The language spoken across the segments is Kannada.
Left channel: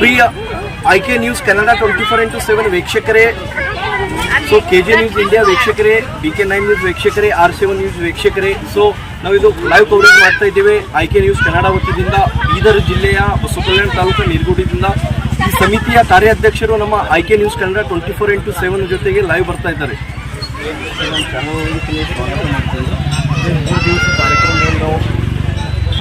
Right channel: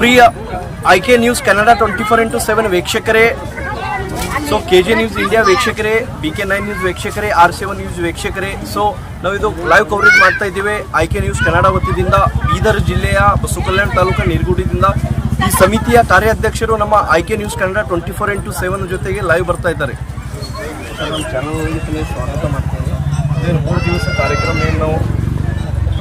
Priya I K news Kannada twenty four into seven ವೀಕ್ಷಕರೇ. So K J news India ವೀಕ್ಷಕರೇ ಬಿ ಕೆ ನೈನ್ ನ್ಯೂಸ್ ವೀಕ್ಷಕರೇ ಆರ್ ಸೆವೆನ್ ನ್ಯೂಸ್ ವೀಕ್ಷಕರೇ. ಸೊ ನಾವಿದು ಲೈವ್ ಕವರೇಜ್ ಮಾಡ್ತಾ ಇದ್ದೇವೆ. ಐ ಕೆ ನ್ಯೂಸ್ ಕನ್ನಡ ವತಿಯಿಂದ ಬೀದರ್ ಜಿಲ್ಲೆಯ ಬಸವಕಲ್ಯಾಣ ತಾಲೂಕು ನೀರ್ಗುಡಿದಿಂದ ಈ ಸಮಿತಿಯ ಕಾರ್ಯಾಧ್ಯಕ್ಷರು ನಮ್ಮ I K news Kannada twenty four into seven ಜೊತೆಗೆ ಲೈವ್ ಬರ್ತಾ ಇದ್ದಾರೆ. ನಮ್ಮ ಚಾನಲ್ ಸ್ವಾಗತ ಮಾಡ್ತೇವೆ. ಮೂರು ದಿವಸ ಕಾರ್ಯಕ್ರಮವನ್ನು ನಾವು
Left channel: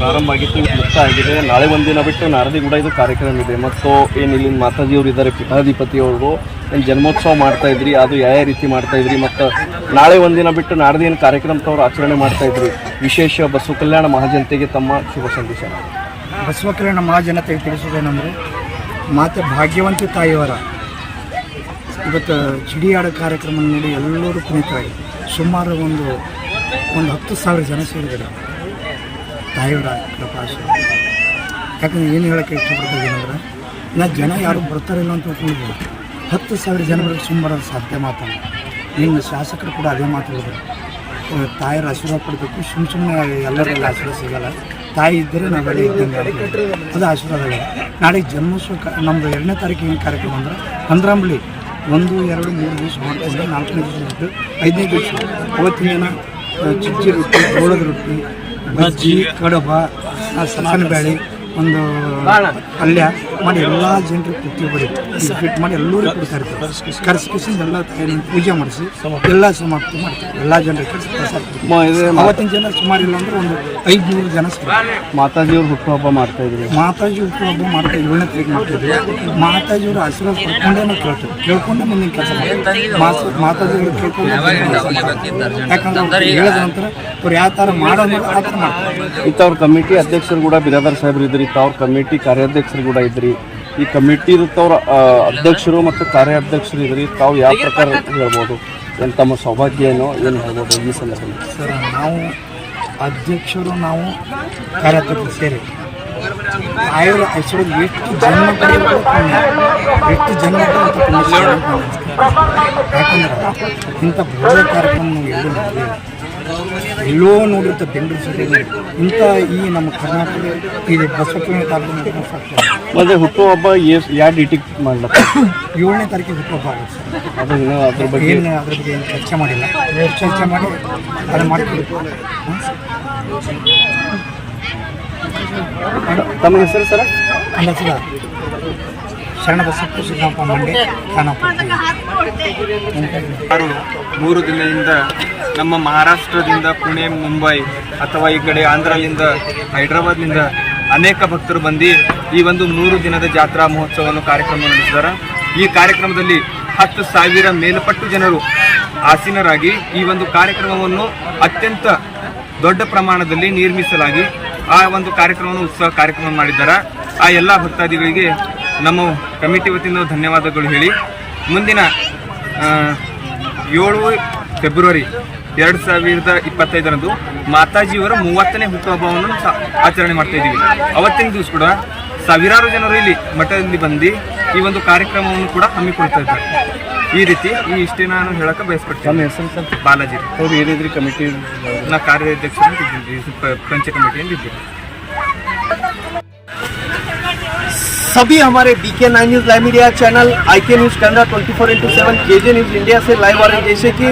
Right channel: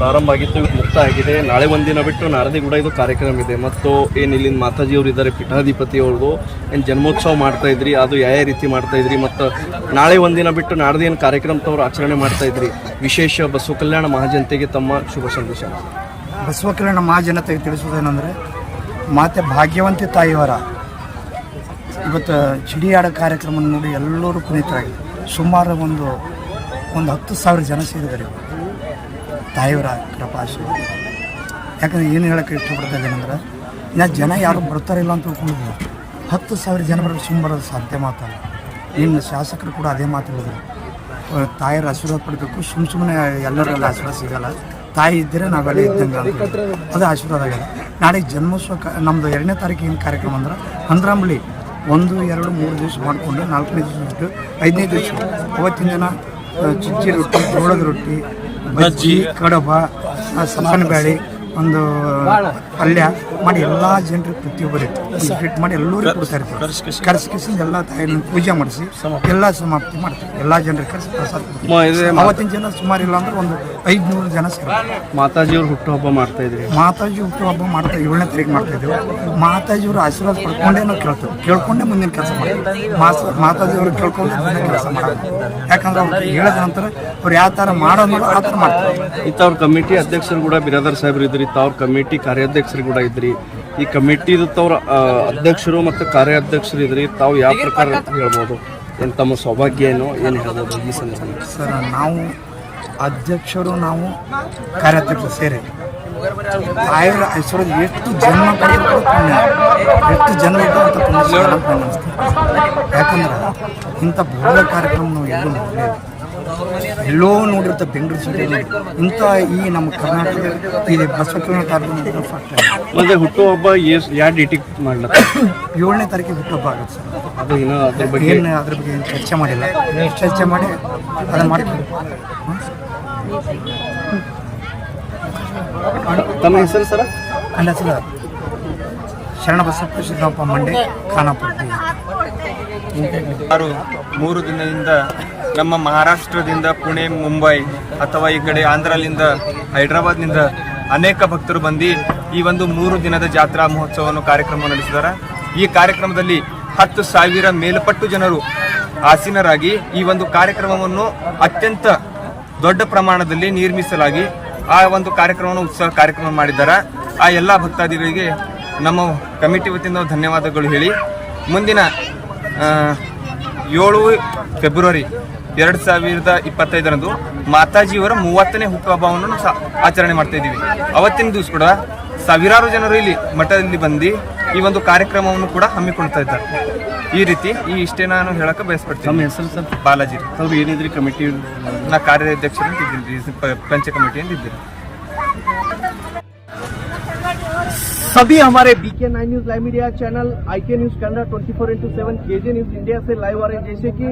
ಪ್ರಾರಂಭ ಆಗಿತ್ತು ಮುಕ್ತ ಆಗಿದೆ. ನಾಳೆ ಒಂದಿನ ಬಿಟ್ಟು ನಾರದಿ ಕೂಡ ಇದು ಕಾರ್ಯಕ್ರಮ ಇದೆ. ಮತ್ತು ಏನು ಇಲ್ಲಿನ ಮಾತಾಜಿಯವರು ಇದ್ದಾರೆ ಪೀಠಾಧಿಪತಿ ಅವರು ಏನು ಜನ್ಮೋತ್ಸವ ಮಾಡ್ತಾ ಇದ್ರಿ, ಅದು ಯಾವ ಯಾವ ರೀತಿ ಮಾಡ್ತಾ ಇದ್ರಿ, ಮತ್ತು ನಾಳೆ ಒಂದಿನ ಬಿಟ್ಟು ನಾಡ್ದು ಏನು ಕಾರ್ಯಕ್ರಮ ತವರು ಆಚರಣೆ ಮಾಡ್ತಾ ಇದ್ರಿ, ವಿಶೇಷ ಬಸವ ಕಲ್ಯಾಣ ಮಹಾಜನತೆಗೆ ತಮ್ಮ ಶುಭ ಸಂದೇಶ. ಬಸವ ಕಲ್ಯಾಣ ಮಹಾಜನತೆಗೆ ತಿಳಿಸೋದೇನೆಂದರೆ ಮಾತೆ ಭಾಗ್ಯವಂತಿ ತಾಯಿಯವರ ಇವತ್ತು ಚಿಡಿಯಾಡ ಕಾರ್ಯಕ್ರಮ ನೋಡಿ ಎಲ್ಲರೂ ಪುನೀತರಾಗಿ ಸುಮಾರು ಒಂದು ಒಂದು ಹತ್ತು ಸಾವಿರ ಜನ ಸೇರಿದ್ದಾರೆ. ತಾಯಿಯವರ ಕೃಪಾಸು. ಯಾಕಂದರೆ ಏನು ಹೇಳೋಕ್ಕೆ ಇಷ್ಟಪಡ್ತಾ ಏನಂದ್ರೆ ನಾ ಜನ ಯಾರು ಬರ್ತಾರಿಲ್ಲ ಅಂತ ತಿಳ್ಕೊಂಡಿದ್ದೀವಿ. ಹತ್ತು ಸಾವಿರ ಜನ ಬರೋದು ಸಾಧ್ಯ ಮಾತಲ್ಲ ನಿಮ್ಮ ಶಾಸಕರು ಕೂಡ ಅದೇ ಮಾತು ಹೇಳಿದ್ರು. ತಾಯಿಯರ ಆಶೀರ್ವಾದ ಪಡಬೇಕು. ಸುಮ್ಮ ಸುಮ್ಮನೆ ಎಲ್ಲರಲ್ಲಿ ಆಶೀರ್ವಾದ ಸಿಗಲ್ಲ. ತಾಯಿ ಇದ್ದರೆ ನಾವೆಲ್ಲ ಇದ್ದಂಗೆ ಅದು ಆಶೀರ್ವಾದ ಆಗಲ್ಲ ನಾಳೆ ಜನ್ಮೋತ್ಸವ ನಮ್ಮದು ಎರಡನೇ ತಾರೀಕು ಏನು ಕಾರ್ಯಕ್ರಮ ಅಂದ್ರೆ ಅಂದ್ರಂಬಳಿ ಒಂದು, ಎರಡು, ಮೂರು ದಿವಸ ಮಾಡಿಕೊಂಡು ನಾಲ್ಕನೇ ದಿವಸ ಐದನೇ ದಿವಸ ಅವತ್ತಿನ ದಿನ ಚಿಚ್ಚಿ ರೊಟ್ಟಿ, ಜೋಳದ ರೊಟ್ಟಿ ಬಜ್ಜಿ ಕಡುಬ ಸಪ್ಪನ ಬೇಳೆ ಒಂದು ಪಲ್ಯ. ಮಾಡಿ ಎಲ್ಲ ಜನರು ಪ್ರತಿಯೊಬ್ಬರಿಗೆ ಫಿಟ್ ಮಾಡಿ ಎಲ್ಲರೂ ಕೊಡ್ತಾ ಇರ್ತಾರೆ. ಕರ್ಸ್ಕಿಸಿಂದ ಎಲ್ಲ ತಾಯಿನ ಪೂಜೆ ಮಾಡಿಸಿ ಎಲ್ಲ ಸಮಾಪ್ತಿ ಮಾಡ್ತಾರೆ. ಎಲ್ಲ ಜನರು ಕರೆಸಿ ಪ್ರಸಾದ. ಅವತ್ತಿನ ಜನ ಸುಮಾರು ಇಲ್ಲ ಅಂದ್ರೆ ಒಂದು ಐದುನೂರು ಜನ ಮಾತಾಜಿಯವರು ಹುಟ್ಟುಹಬ್ಬ ಮಾಡ್ತಾ ಇದ್ರಿ ಮಾತಾಜಿ ಹುಟ್ಟುಹಬ್ಬ ಮಾಡ್ತಾ ಏಳನೇ ತಾರೀಕು ಮಾಡ್ತಿದ್ವಿ ಮಾತಾಜಿಯವರು ಆಶೀರ್ವಾದ ಪಡ್ಕೊಂಡೇ ನಾವು ಕೇಳ್ತೇವೆ. ಕೇಳ್ಕೊಂಡೇ ಮುಂದಿನ ಕೆಲಸ ಮಾಡ್ತೀವಿ. ಮಾತಾಜಿ ಮಾತಾಜಿಯವರು ಕೇಳ್ಕೊಂಡು ಕೆಲಸ ಮಾಡೋದು ಯಾಕಂದ್ರೆ ಅವ್ರು ಹೇಳಿದ ನಂತರ ಅವ್ರು ಯಾವ ಥರ ಮಾಡೋದು ಆ ಥರ ಮಾಡ್ತಾರೆ. ಇತ್ತವ್ರ ಕಮಿಟಿ ಅಧ್ಯಕ್ಷರು ಕೂಡ ಬಿರಾದರ್ ಸಾಹೇಬ್ರು ಇದ್ರಿ ತಾವ್ರ ಕಮಿಟಿ ಕಾರ್ಯಾಧ್ಯಕ್ಷರು ಕೂಡ ಇದ್ರಿ. ಈ ಕಮಿಟಿ ತವ್ರ ಅಧ್ಯಕ್ಷರು ಮತ್ತು ಕಾರ್ಯಾಧ್ಯಕ್ಷರು ಇದ್ರಿ ತಾವು ಯಾವ ಪ್ರಕಾರ ಹೇಳ್ಬೋದು? ಏನು ತಮ್ಮ ಸೌಭಾಗ್ಯ ಏನೋ ಏನು ಹೇಳ್ಬೋದು ಈ ಸಂದರ್ಭದಲ್ಲಿ? ಸರ್, ನಾವು ಅಧ್ಯಕ್ಷರು, ನಾವು ಕಾರ್ಯಾಧ್ಯಕ್ಷರು ಸೇರಿ ಆಯುರ್ ಐಶ್ವರ್ಯದ ಎಷ್ಟು ಜನ್ಮ ಪುಣ್ಯ, ಎಷ್ಟು ಜನ್ಮ ಅಂತ ಪುಣ್ಯ ಯಾಕಂದ್ರೆ ಇಂಥ ಭವ್ಯ ಕಾರ್ಯಕ್ರಮ ನಾವು ಎಲ್ಲೂ ನೋಡಲಿಲ್ಲ ಎಲ್ಲೋ ನೋಡಿರ್ತಾರೆ ಬೆಂಗಳೂರು ಸಿಟಿ ಇಂಥ ಈ ನಮ್ಮ ಕರ್ನಾಟಕ ಇದೆ ಬಸವಕಲ್ಯಾಣ ತಾಲೂಕಿನ ಫಸ್ಟ್ ಮತ್ತೆ ಹುಟ್ಟುಹಬ್ಬ ಎಸ್ ಯಾವ ಡೇಟಿಗೆ ಮಾಡ್ಲತ್ತ? ಏಳನೇ ತಾರೀಕಿಗೆ ಹುಟ್ಟುಹಬ್ಬ ಆಗುತ್ತೆ ಸರ್. ಅದು ಇನ್ನೂ ಅದ್ರ ಬಗ್ಗೆ ಏನು ಅದ್ರ ಬಗ್ಗೆ ಏನು ಚರ್ಚೆ ಮಾಡಿಲ್ಲ. ಚರ್ಚೆ ಮಾಡಿ ಅದನ್ನು ಮಾಡ್ತೀವಿ. ತಮ್ಮ ಹೆಸರು ಸರ್? ನನ್ನ ಹೆಸರು ಶರಣಬಸಪ್ಪ ಸಿದ್ದಪ್ಪ ಮಂಡೆ ಖಾನಾಪುರ. ಮೂರು ದಿನದಿಂದ ನಮ್ಮ ಮಹಾರಾಷ್ಟ್ರದಿಂದ ಪುಣೆ, ಮುಂಬೈ ಅಥವಾ ಈ ಕಡೆ ಆಂಧ್ರದಿಂದ, ಹೈದರಾಬಾದ್ನಿಂದ ಅನೇಕ ಭಕ್ತರು ಬಂದು ಈ ಒಂದು ಮೂರು ದಿನದ ಜಾತ್ರಾ ಮಹೋತ್ಸವವನ್ನು ಕಾರ್ಯಕ್ರಮ ನಡೆಸಿದ್ದಾರೆ. ಈ ಕಾರ್ಯಕ್ರಮದಲ್ಲಿ ಹತ್ತು ಸಾವಿರ ಮೇಲ್ಪಟ್ಟು ಜನರು ಆಸೀನರಾಗಿ ಈ ಒಂದು ಕಾರ್ಯಕ್ರಮವನ್ನು ಅತ್ಯಂತ ದೊಡ್ಡ ಪ್ರಮಾಣದಲ್ಲಿ ನಿರ್ಮಿಸಲಾಗಿ ಆ ಒಂದು ಕಾರ್ಯಕ್ರಮವನ್ನು ಉತ್ಸವ ಕಾರ್ಯಕ್ರಮ ಮಾಡಿದ್ದಾರೆ. ಆ ಎಲ್ಲ ಭಕ್ತಾದಿಗಳಿಗೆ ನಮ್ಮ ಕಮಿಟಿ ವತಿಯಿಂದ ಧನ್ಯವಾದಗಳು ಹೇಳಿ. ಮುಂದಿನ ಏಳು ಫೆಬ್ರವರಿ ಎರಡು ಸಾವಿರದ ಇಪ್ಪತ್ತೈದರಂದು ಮಾತಾಜಿಯವರ ಮೂವತ್ತನೇ ಹುಟ್ಟುಹಬ್ಬವನ್ನು ಸಹ ಆಚರಣೆ ಮಾಡ್ತಾ ಇದ್ದೀವಿ ಅವತ್ತಿನ ದಿವಸ ಕೂಡ ಸಾವಿರಾರು ಜನರು ಇಲ್ಲಿ ಮಠದಲ್ಲಿ ಬಂದು ಈ ಒಂದು ಕಾರ್ಯಕ್ರಮವನ್ನು ಕೂಡ ಹಮ್ಮಿಕೊಳ್ತಾ ಇದ್ದಾರೆ ಈ ರೀತಿ ಈ ಇಷ್ಟೇ ನಾನು ಹೇಳಕ್ಕೆ ತಮ್ಮ ಬಯಸ್ಪಡ್ತೀನಿ ಹೆಸರು ಸರ್ ಬಾಲಾಜಿ ರೀ. ಅವ್ರು ಏನಿದ್ರಿ ಕಮಿಟಿ ನಾ ಕಾರ್ಯಾಧ್ಯಕ್ಷರು ಇದ್ದೀನಿ ಪಂಚ ಕಮಿಟಿಯಲ್ಲಿ ಇದ್ದೀನಿ सभी हमारे B K nine news live media channel I K news Kannada twenty four into seven K J news India से लाइव आ रहे हैं जैसे कि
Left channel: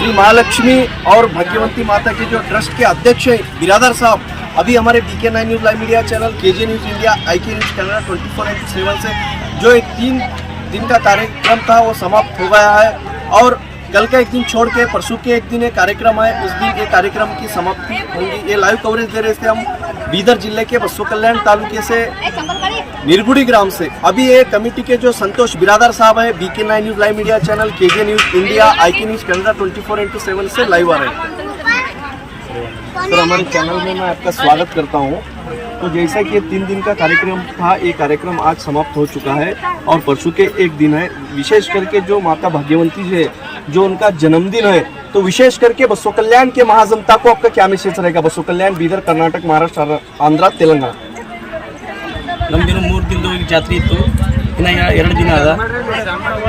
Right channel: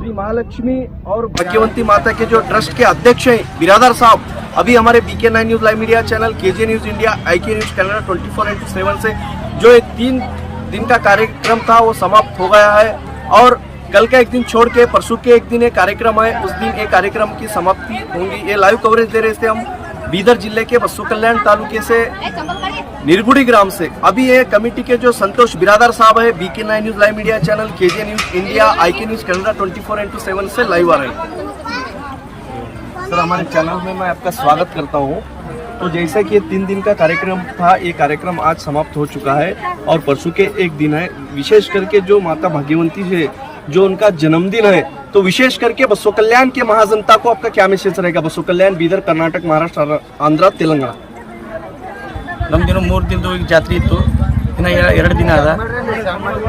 श्री महालक्ष्मी और भाग्यवंती माता के जो ट्रस्ट के अध्यक्ष हैं, बिरादर साहब, अभी हमारे B K nine news live media channel K J news India I K news Kannada twenty four into seven से, जो एक तीन दिन का कार्यक्रम था, वो समाप्त हो गया है। और कल का एक दिन छोड़ के, परसों के एक दिन ये कार्यक्रम है उस दिन ये कार्यक्रम की समाप्ति होगी। ये लाइव कवरेज दे रहे थे हम, बीदर ज़िले के बसु कल्याण तालुके से। निरगुड़ी ग्राम से। अभी ये कमेटी के जो संतोष बिरादर साहब है BK nine news live media channel K J news India I K news Canada twenty four into seven से लाइव आ रहे हैं। सर, हमारे चैनल में मैं आपका स्वागत करता हूँ। तो जैसा कि ये तीन दिन का कार्यक्रम था, ये कार्यक्रम आज समाप्त हो चुका है और परसों के एक दिन है। विशेष करके जो माता भाग्यवंती है, जो उनका जन्मदिन है तो विशेष करके बसो कल्याण के महाजनता को आपका क्या मैसेज रहेगा? बसो कल्याण, बीदर, कर्नाटक, महाराष्ट्र, आंध्र, तेलंगाना। ನಮ್ದಿನ್ನು ಮೂರು ದಿನದ ಈಗ ಜಾತ್ರೆ ಇತ್ತು ಇನ್ನು ಎ- ಎರಡು ದಿನ ಅದ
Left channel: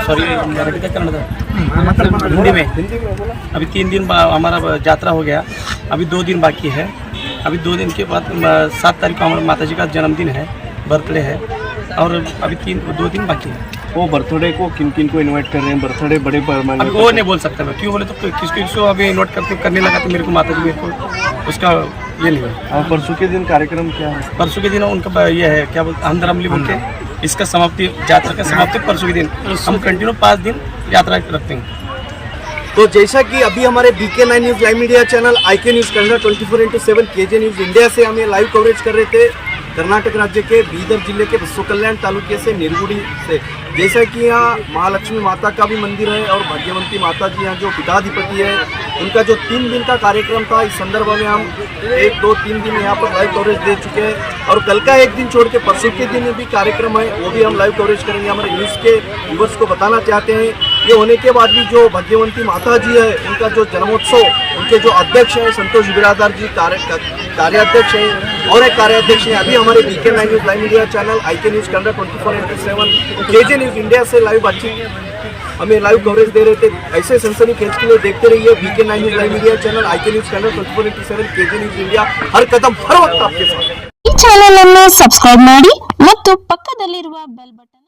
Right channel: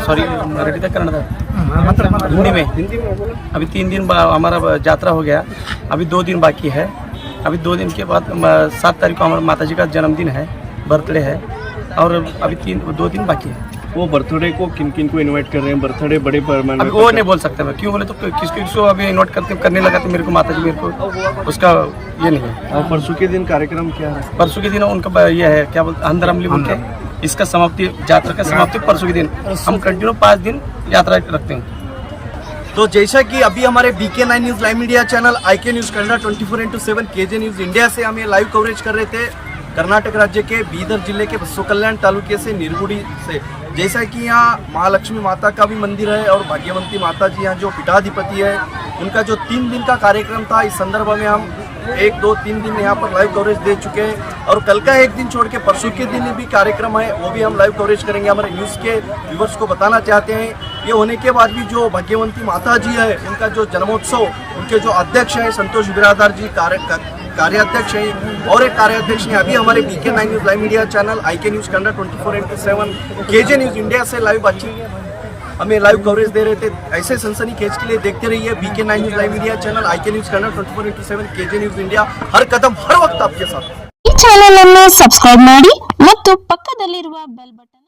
सॉरी मराठी तक कन्नड़ हिंदी में अभी तीन दिन बा- हमारा ब- यात्रा हो गया अभी दो दिन बाकी है अभी दो दिन के बाद म, सात तारीख को हमारे माता जी का जन्मदिन है बर्थडे है और अभी तीन दो दिन बाकी है वो बर्थडे को किन किन को इनवाइट कर रहे हैं? बर्थडे बड़े पैमाने वो नहीं बोल सकता मैं। क्यों बोले तो कि- किसको किसको अभी इन्वाइट करते करने लगा तो मेरे को माता जी मेरे को उसका ये नहीं है। और परसों के दिन कार्यक्रम क्या है? परसों के दिन उनका ये है क्या बोलते अंदर अमली बोल के इसका समाप्ति यात्रा का समाप्ति परसों के दिन। हम कंटिन्यू पाँच दिन यात्रा रखते हैं। तो जैसा कि अभी हमारे BK nine news live media channel I K news Kannada twenty four into seven K J news India से हम ये लाइव कवरेज कर रहे थे। कर्नाटक राज्य के बीदर ज़िले के बसो कल्याण तालुके से निरगुड़ी से। जैसा कि यहाँ महालक्ष्मी माता का भी मंदिर है और भाग्यवंती माता जी यहाँ जो पिताधिपति है, उनका जो तीन दिन का कार्यक्रम था, इस संदर्भ में हम एक, दो, तीन दिन यहाँ पर लाइव कवरेज दे चुके हैं। और कल का एक दिन छोड़ के परसों के दिन भी कार्यक्रम है, वो भी हम लाइव कवरेज करेंगे। हमारे न्यूज़ के व्यूवर्स को बताना चाहते हैं ये होने के बाद भी जो भाग्यवंती माता जी है उनका जो जन्मोत्सव उनके जो अध्यक्ष हैं संतोष बिरादार जी कार्य कार्याध्यक्ष हैं और एक कार्याध्यक्ष हैं अभी हमारे B K nine news live media channel I K news Kannada twenty four into seven K J news India से लाइव बातचीत हमें लाइव कवरेज दे रहे थे ऐसे सनसनी खेज के लिए देखते रहिए B K nine news live media channel I K news Kannada twenty four into seven K J news India हर कदम हर वक्त आपके साथ ಈ ಚಾನೆಲ್ ಅನ್ನು ಸಬ್ಸ್ಕ್ರೈಬ್ ಮಾಡಿ ಮತ್ತು ಪಕ್ಕದಲ್ಲಿರುವ ಬೆಲ್ ಬಟನ್